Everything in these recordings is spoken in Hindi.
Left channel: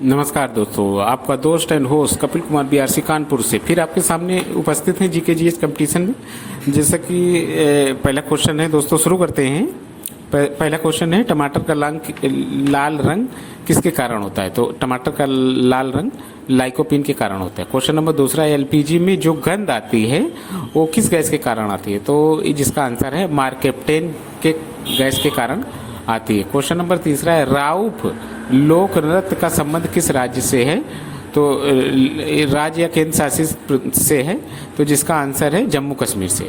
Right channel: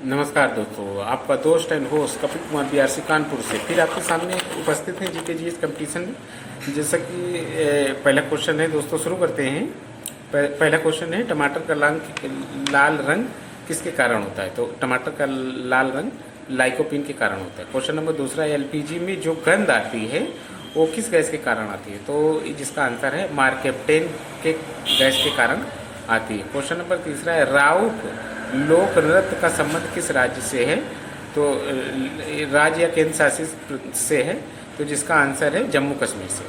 नमस्कार दोस्तों, आपका दोस्त and host Kapil Kumar BRC Kanpur से फिर आपके सामने उपस्थित हैं जीके जीएस कंपटीशन में। जैसा कि पहला क्वेश्चन है दोस्तों, शुरू करते हैं। पहला क्वेश्चन है, टमाटर का लाल रंग किसके कारण होता है? तो टमाटर का लाल रंग लाइकोपीन के कारण होता है। क्वेश्चन नंबर दूसरा है, एलपीजी में जो गंध आती है वो किस गैस के कारण आती है? तो जिसका आंसर है मार्केप्टेन के गैस के कारण आती है। क्वेश्चन नंबर तीसरा है, राउफ लोक नृत्य का संबंध किस राज्य से है? तो राज्य या केंद्र शासित से है, तो जिसका आंसर है जम्मू कश्मीर से।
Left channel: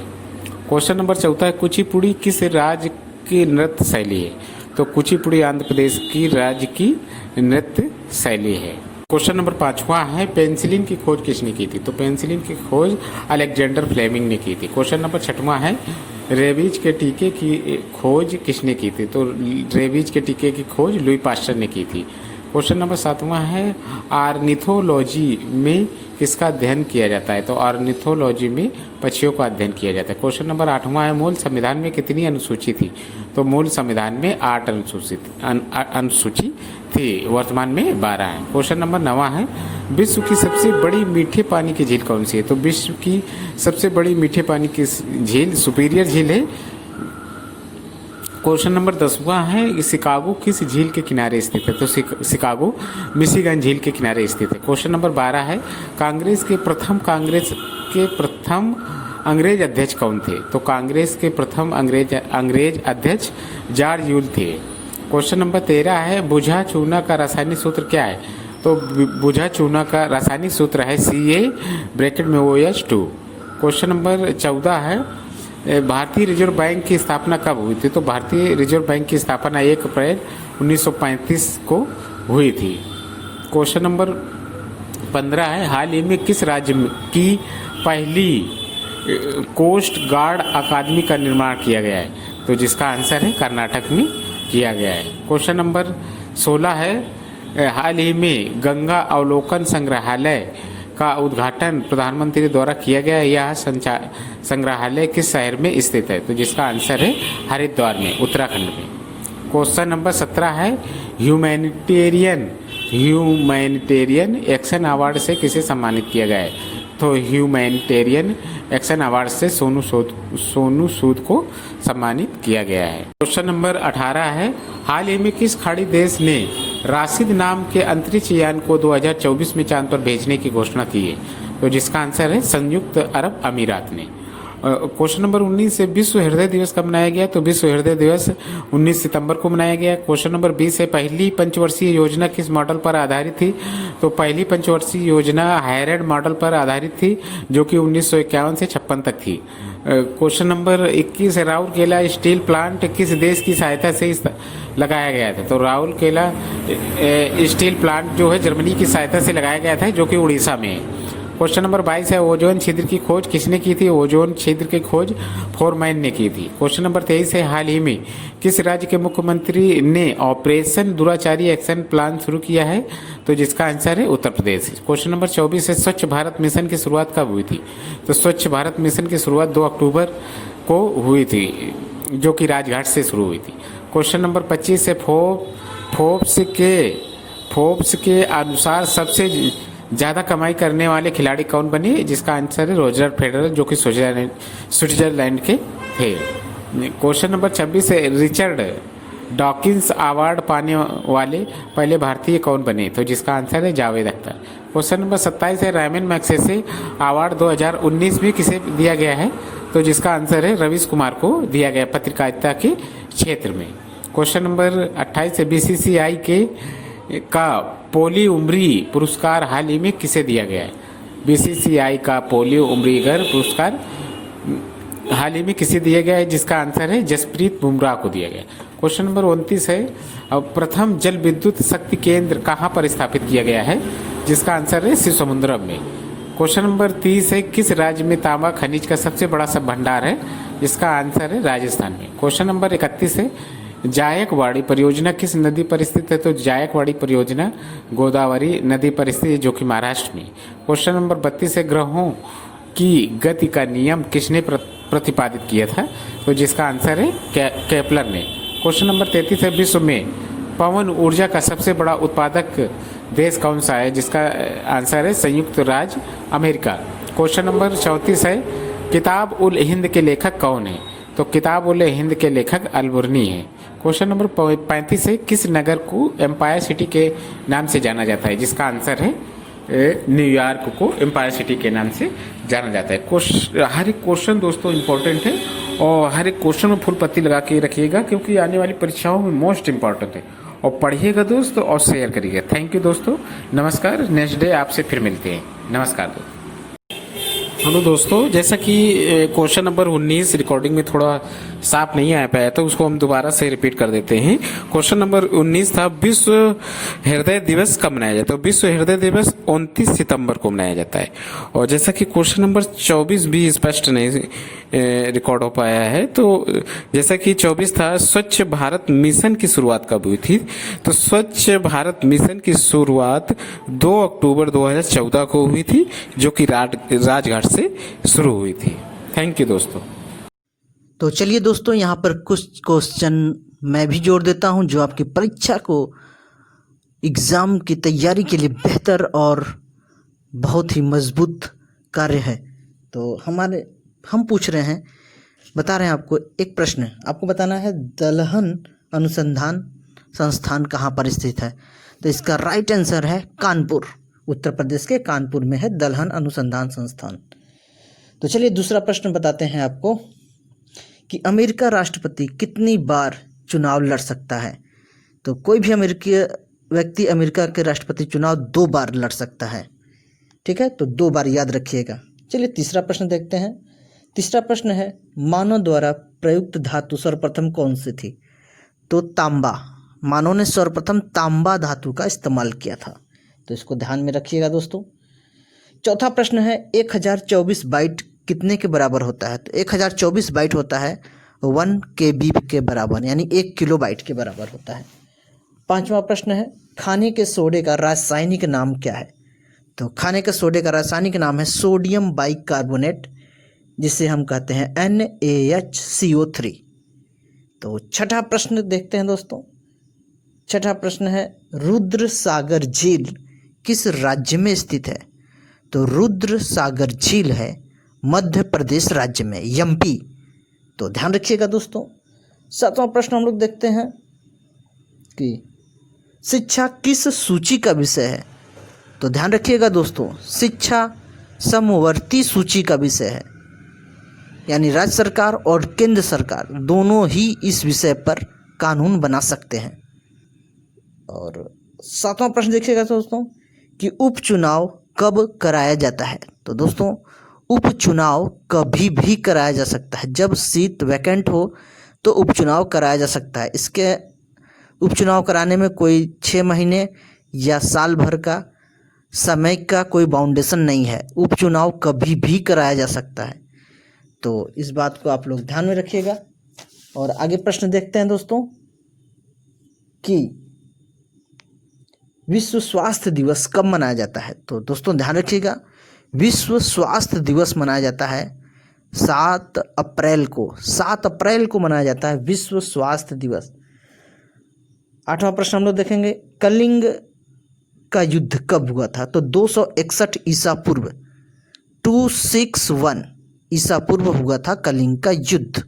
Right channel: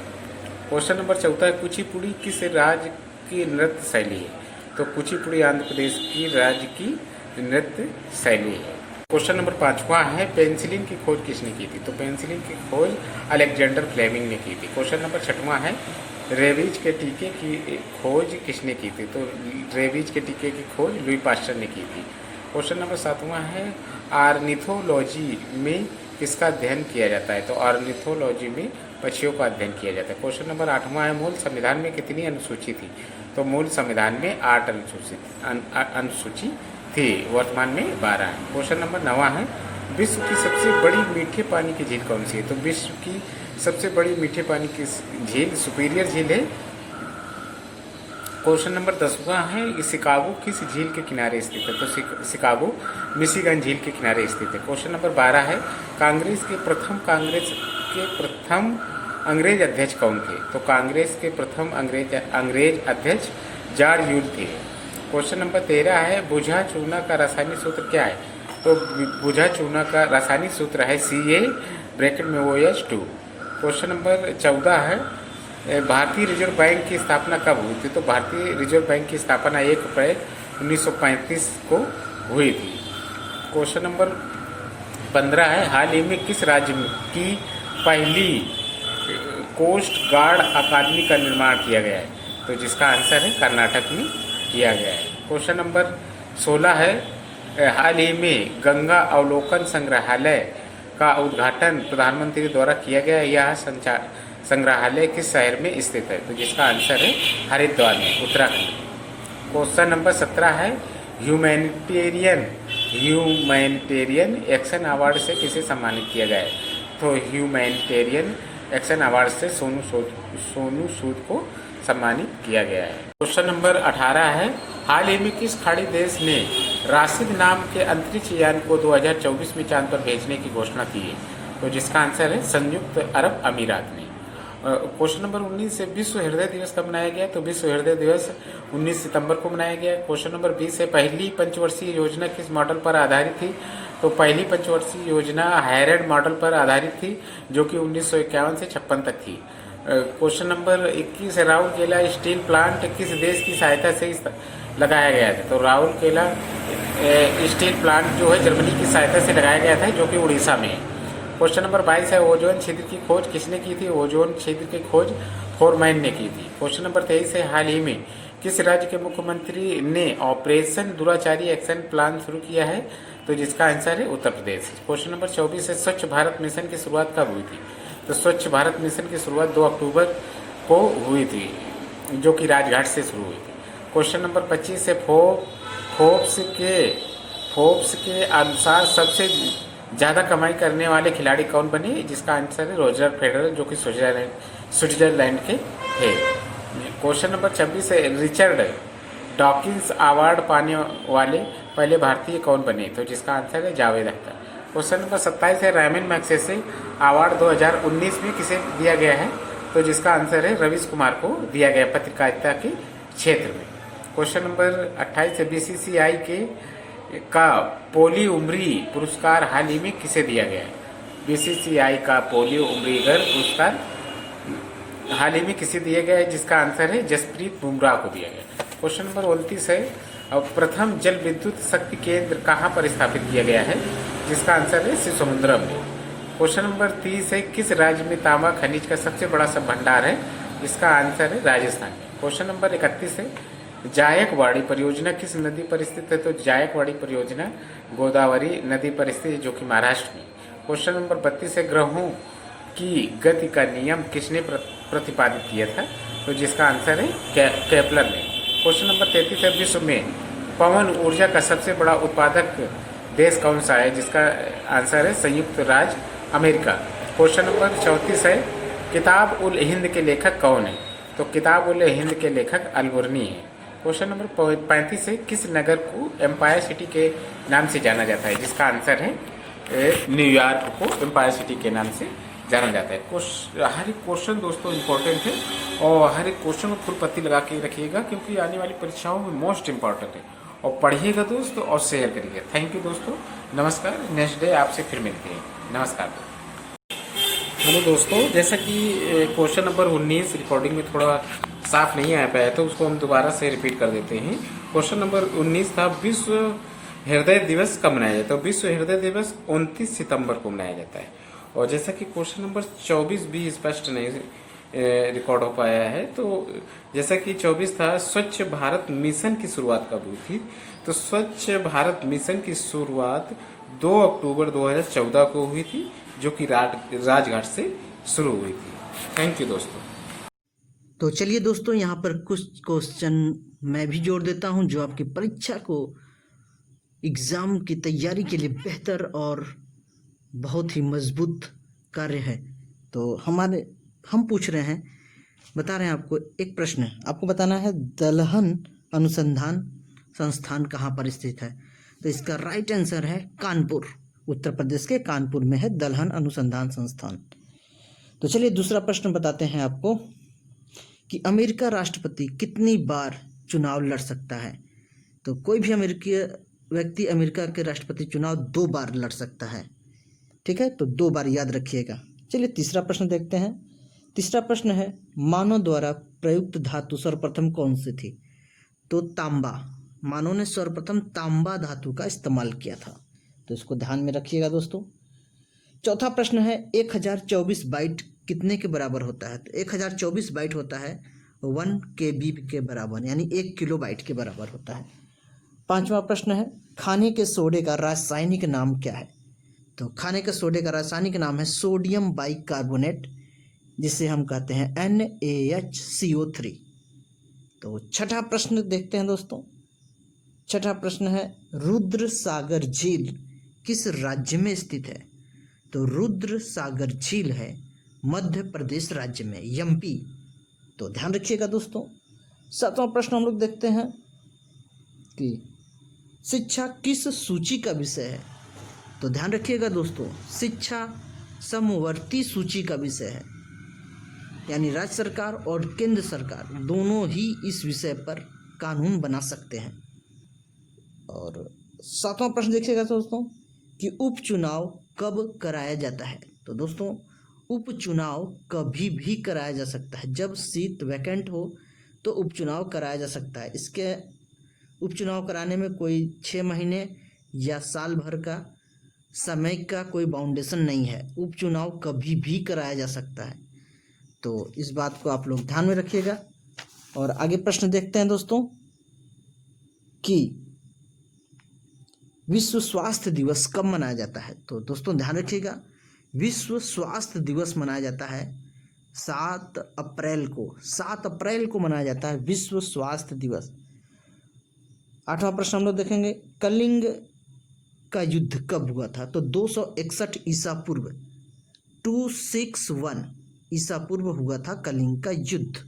क्वेश्चन नंबर चौथा है, कुचिपुड़ी किस राज्य की नृत्य शैली है? तो कुचिपुड़ी आंध्र प्रदेश की राज्य की नृत्य शैली है। क्वेश्चन नंबर पांचवा है, पेंसिलिन की खोज किसने की थी? तो पेंसिलिन की खोज अलेक्जेंडर फ्लेमिंग ने की थी। क्वेश्चन नंबर छठवां है, रेबीज के टीके की खोज किसने की थी? तो रेबीज के टीके की खोज लुई पास्चर ने की थी। क्वेश्चन नंबर सातवां है, ऑर्निथोलॉजी में किसका अध्ययन किया जाता है? तो ऑर्निथोलॉजी में पक्षियों का अध्ययन किया जाता है। क्वेश्चन नंबर आठवां है, मूल संविधान में कितनी अनुसूची थी? तो मूल संविधान में 8 अनुसूची थी, वर्तमान में 12 है। क्वेश्चन नंबर 9 है, विश्व की सबसे बड़ी मीठे पानी की झील कौन सी है? तो विश्व की सबसे बड़ी मीठे पानी की झील सुपीरियर झील है। क्वेश्चन नंबर 10वां है, शिकागो किस झील के किनारे स्थित है? तो शिकागो मिशिगन झील के किनारे स्थित है। क्वेश्चन नंबर 12 है, कांग्रेस के प्रथम अंग्रेज अध्यक्ष कौन थे? तो कांग्रेस के प्रथम अंग्रेज अध्यक्ष जॉर्ज यूल थे। क्वेश्चन नंबर 13 है, बुझा चूना का रासायनिक सूत्र क्या है? तो बुझा चूना का रासायनिक सूत्र है Ca(OH2). क्वेश्चन नंबर 14 है, भारतीय रिजर्व बैंक की स्थापना कब हुई थी? तो भारतीय रिजर्व बैंक की स्थापना 1 अप्रैल 1935 को हुई थी। क्वेश्चन नंबर 15 है, हाल ही में किस राज्य की पहली कोस्ट गार्ड अकादमी का निर्माण किया गया है? तो जिसका आंसर है कर्नाटक में किया गया है। क्वेश्चन नंबर 16 है, हाल ही में गंगा अवलोकन संग्रहालय का उद्घाटन प्रधानमंत्री द्वारा किया गया। यह संग्रहालय किस शहर में स्थित है? तो जिसका आंसर है हरिद्वार में, उत्तराखंड में। क्वेश्चन नंबर 17 है, ह्यूमैनिटेरियन एक्शन अवार्ड से किसे सम्मानित किया गया है? तो ह्यूमैनिटेरियन एक्शन अवार्ड से सोनू सूद को सम्मानित किया गया है। क्वेश्चन नंबर 18 है, हाल ही में किस खाड़ी देश ने राशिद नाम के अंतरिक्ष यान को 2024 में चांद पर भेजने की घोषणा की है? तो जिसका आंसर है संयुक्त अरब अमीरात ने। क्वेश्चन नंबर 19 है, विश्व हृदय दिवस कब मनाया गया? तो विश्व हृदय दिवस 19 सितंबर को मनाया गया। क्वेश्चन नंबर 20 है, पहली पंचवर्षीय योजना किस मॉडल पर आधारित थी? तो पहली पंचवर्षीय योजना हैरेड मॉडल पर आधारित थी, जो कि 1951 से 56 तक थी। क्वेश्चन नंबर 21 है, राउरकेला स्टील प्लांट किस देश की सहायता से लगाया गया था? तो राउरकेला स्टील प्लांट जो है जर्मनी की सहायता से लगाया गया था, जो कि उड़ीसा में है। क्वेश्चन नंबर 22 है, ओजोन छिद्र की खोज किसने की थी? ओजोन छिद्र की खोज फोरमैन ने की थी। क्वेश्चन नंबर 23 है, हाल ही में किस राज्य के मुख्यमंत्री ने ऑपरेशन दुराचारी एक्शन प्लान शुरू किया है? तो जिसका आंसर है उत्तर प्रदेश। क्वेश्चन नंबर 24 है, स्वच्छ भारत मिशन की शुरुआत कब हुई थी? तो स्वच्छ भारत मिशन की शुरुआत 2 अक्टूबर को हुई थी, जो कि राजघाट से शुरू हुई थी। क्वेश्चन नंबर 25 है, फोर्ब्स के अनुसार सबसे ज़्यादा कमाई करने वाले खिलाड़ी कौन बने? जिसका आंसर है रोजर फेडरर, जो कि स्विट्जरलैंड के थे। क्वेश्चन नंबर 26 है, रिचर्ड डॉकिंस अवार्ड पाने वाले पहले भारतीय कौन बने? तो जिसका आंसर है जावेद अख्तर। क्वेश्चन नंबर 27 है, रैमन मैग्सेसे अवार्ड 2019 में किसे दिया गया है? तो जिसका आंसर है रवीश कुमार को दिया गया, पत्रकारिता के क्षेत्र में। क्वेश्चन नंबर 28 है, बीसीसीआई का पोली उम्री पुरस्कार हाल ही में किसे दिया गया है? बीसीसीआई का पोलियो उम्रीगर पुरस्कार हाल ही में किसे दिया गया है? जिसका आंसर है जसप्रीत बुमराह को दिया गया। क्वेश्चन नंबर 29 है, प्रथम जल विद्युत शक्ति केंद्र कहाँ पर स्थापित किया गया है? जिसका आंसर है शिव समुद्रम में। क्वेश्चन नंबर 30 है, किस राज्य में तांबा खनिज का सबसे बड़ा सब भंडार है? जिसका आंसर है राजस्थान में। क्वेश्चन नंबर 31 है, जायकवाड़ी परियोजना किस नदी पर स्थित है? तो जायकवाड़ी परियोजना गोदावरी नदी पर स्थित है, जो कि महाराष्ट्र में। क्वेश्चन नंबर 32 है, ग्रहों की गति का नियम किसने प्रतिपादित किया था? तो जिसका आंसर है केपलर ने। क्वेश्चन नंबर 33 है, विश्व में पवन ऊर्जा का सबसे बड़ा उत्पादक देश कौन सा है, जिसका आंसर है संयुक्त राज्य अमेरिका। क्वेश्चन नंबर 34 है, किताब उल हिंद के लेखक कौन है? तो किताब उल हिंद के लेखक अलबुर्नी है। क्वेश्चन नंबर 35 है, किस नगर को एम्पायर सिटी के नाम से जाना जाता है? जिसका आंसर है न्यूयॉर्क को एम्पायर सिटी के नाम से जाना जाता है। हर एक क्वेश्चन दोस्तों इम्पोर्टेंट है और हर एक क्वेश्चन में फुल पत्ती लगा के रखिएगा, क्योंकि आने वाली परीक्षाओं में मोस्ट इम्पॉर्टेंट है। और पढ़िएगा दोस्तों और शेयर करिएगा। थैंक यू दोस्तों, नमस्कार। नेक्स्ट डे आपसे फिर मिलते हैं। नमस्कार दोस्तों। हेलो दोस्तों, जैसा कि क्वेश्चन नंबर 19 रिकॉर्डिंग में थोड़ा साफ नहीं आ पाया था, उसको हम दोबारा से रिपीट कर देते हैं। क्वेश्चन नंबर 19 था, विश्व हृदय दिवस कब मनाया जाता है? विश्व हृदय दिवस 29 सितंबर को मनाया जाता है। और जैसा कि क्वेश्चन नंबर 24 भी स्पष्ट नहीं रिकॉर्ड हो पाया है, तो जैसा कि 24 था, स्वच्छ भारत मिशन की शुरुआत कब हुई थी? तो स्वच्छ भारत मिशन की शुरुआत 2 अक्टूबर 2014 को हुई थी, जो कि राजघाट से शुरू हुई थी। थैंक यू दोस्तों। तो चलिए दोस्तों, यहाँ पर कुछ क्वेश्चन मैं भी जोड़ देता हूँ जो आपकी परीक्षा को एग्ज़ाम की तैयारी के लिए बेहतर और बहुत ही मजबूत कार्य है। तो हम पूछ रहे हैं, बता रहे हैं आपको एक प्रश्न है, आपको बताना है दलहन अनुसंधान संस्थान कहाँ पर स्थित है? तो इसका राइट आंसर है कानपुर। उत्तर प्रदेश के कानपुर में है दलहन अनुसंधान संस्थान। तो चलिए दूसरा प्रश्न बताते हैं आपको कि अमेरिका राष्ट्रपति कितनी बार चुनाव लड़ सकता है? तो कोई भी अमेरिकी व्यक्ति अमेरिका के राष्ट्रपति चुनाव 2 बार लड़ सकता है। ठीक है, तो 2 बार याद रखिएगा। चलिए तीसरा प्रश्न देखते हैं। तीसरा प्रश्न है, मानव द्वारा प्रयुक्त धातु सर्वप्रथम कौन सी थी? तो तांबा। मानव ने सर्वप्रथम तांबा धातु का इस्तेमाल किया था, तो इसको ध्यान में रखिएगा दोस्तों। चौथा प्रश्न है, 1024 बाइट कितने के बराबर होता है? तो 1024 बाइट होता है 1 KB के बराबर, यानी 1 किलोबाइट के बराबर होता है। पांचवा प्रश्न है, खाने के सोडे का रासायनिक नाम क्या है? तो खाने के सोडे का रासायनिक नाम है सोडियम बाइकार्बोनेट, जिसे हम कहते हैं NaHCO3। तो छठा प्रश्न देखते हैं दोस्तों। छठा प्रश्न है, रुद्र सागर झील किस राज्य में स्थित है? तो रुद्र सागर झील है मध्य प्रदेश राज्य में, MP। तो ध्यान रखिएगा दोस्तों। सातवां प्रश्न हम लोग देखते हैं कि शिक्षा किस सूची का विषय है? तो ध्यान रखिएगा दोस्तों, शिक्षा समवर्ती सूची का विषय है, यानी राज्य सरकार और केंद्र सरकार दोनों ही इस विषय पर कानून बना सकते हैं। और सातवां प्रश्न देखिएगा दोस्तों कि उपचुनाव कब कराया जाता है? तो दोस्तों उपचुनाव कभी भी कराया जा सकता है। जब सीट वैकेंट हो तो उपचुनाव कराया जा सकता है। इसके उपचुनाव कराने में कोई 6 महीने या साल भर का समय का कोई बाउंडेशन नहीं है। उपचुनाव कभी भी कराया जा सकता है, तो इस बात को आप लोग ध्यान में रखिएगा। और आगे प्रश्न देखते हैं दोस्तों कि विश्व स्वास्थ्य दिवस कब मनाया जाता है? तो दोस्तों ध्यान रखिएगा, विश्व स्वास्थ्य दिवस मनाया जाता है 7 अप्रैल को। 7 अप्रैल को मनाया जाता है विश्व स्वास्थ्य दिवस। आठवां प्रश्न हम लोग देखेंगे, कलिंग का युद्ध कब हुआ था? तो 261 ईसा पूर्व, 261 ईसा पूर्व हुआ था कलिंग का युद्ध।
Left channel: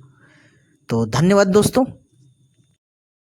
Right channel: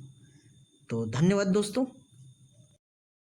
तो धन्यवाद दोस्तों।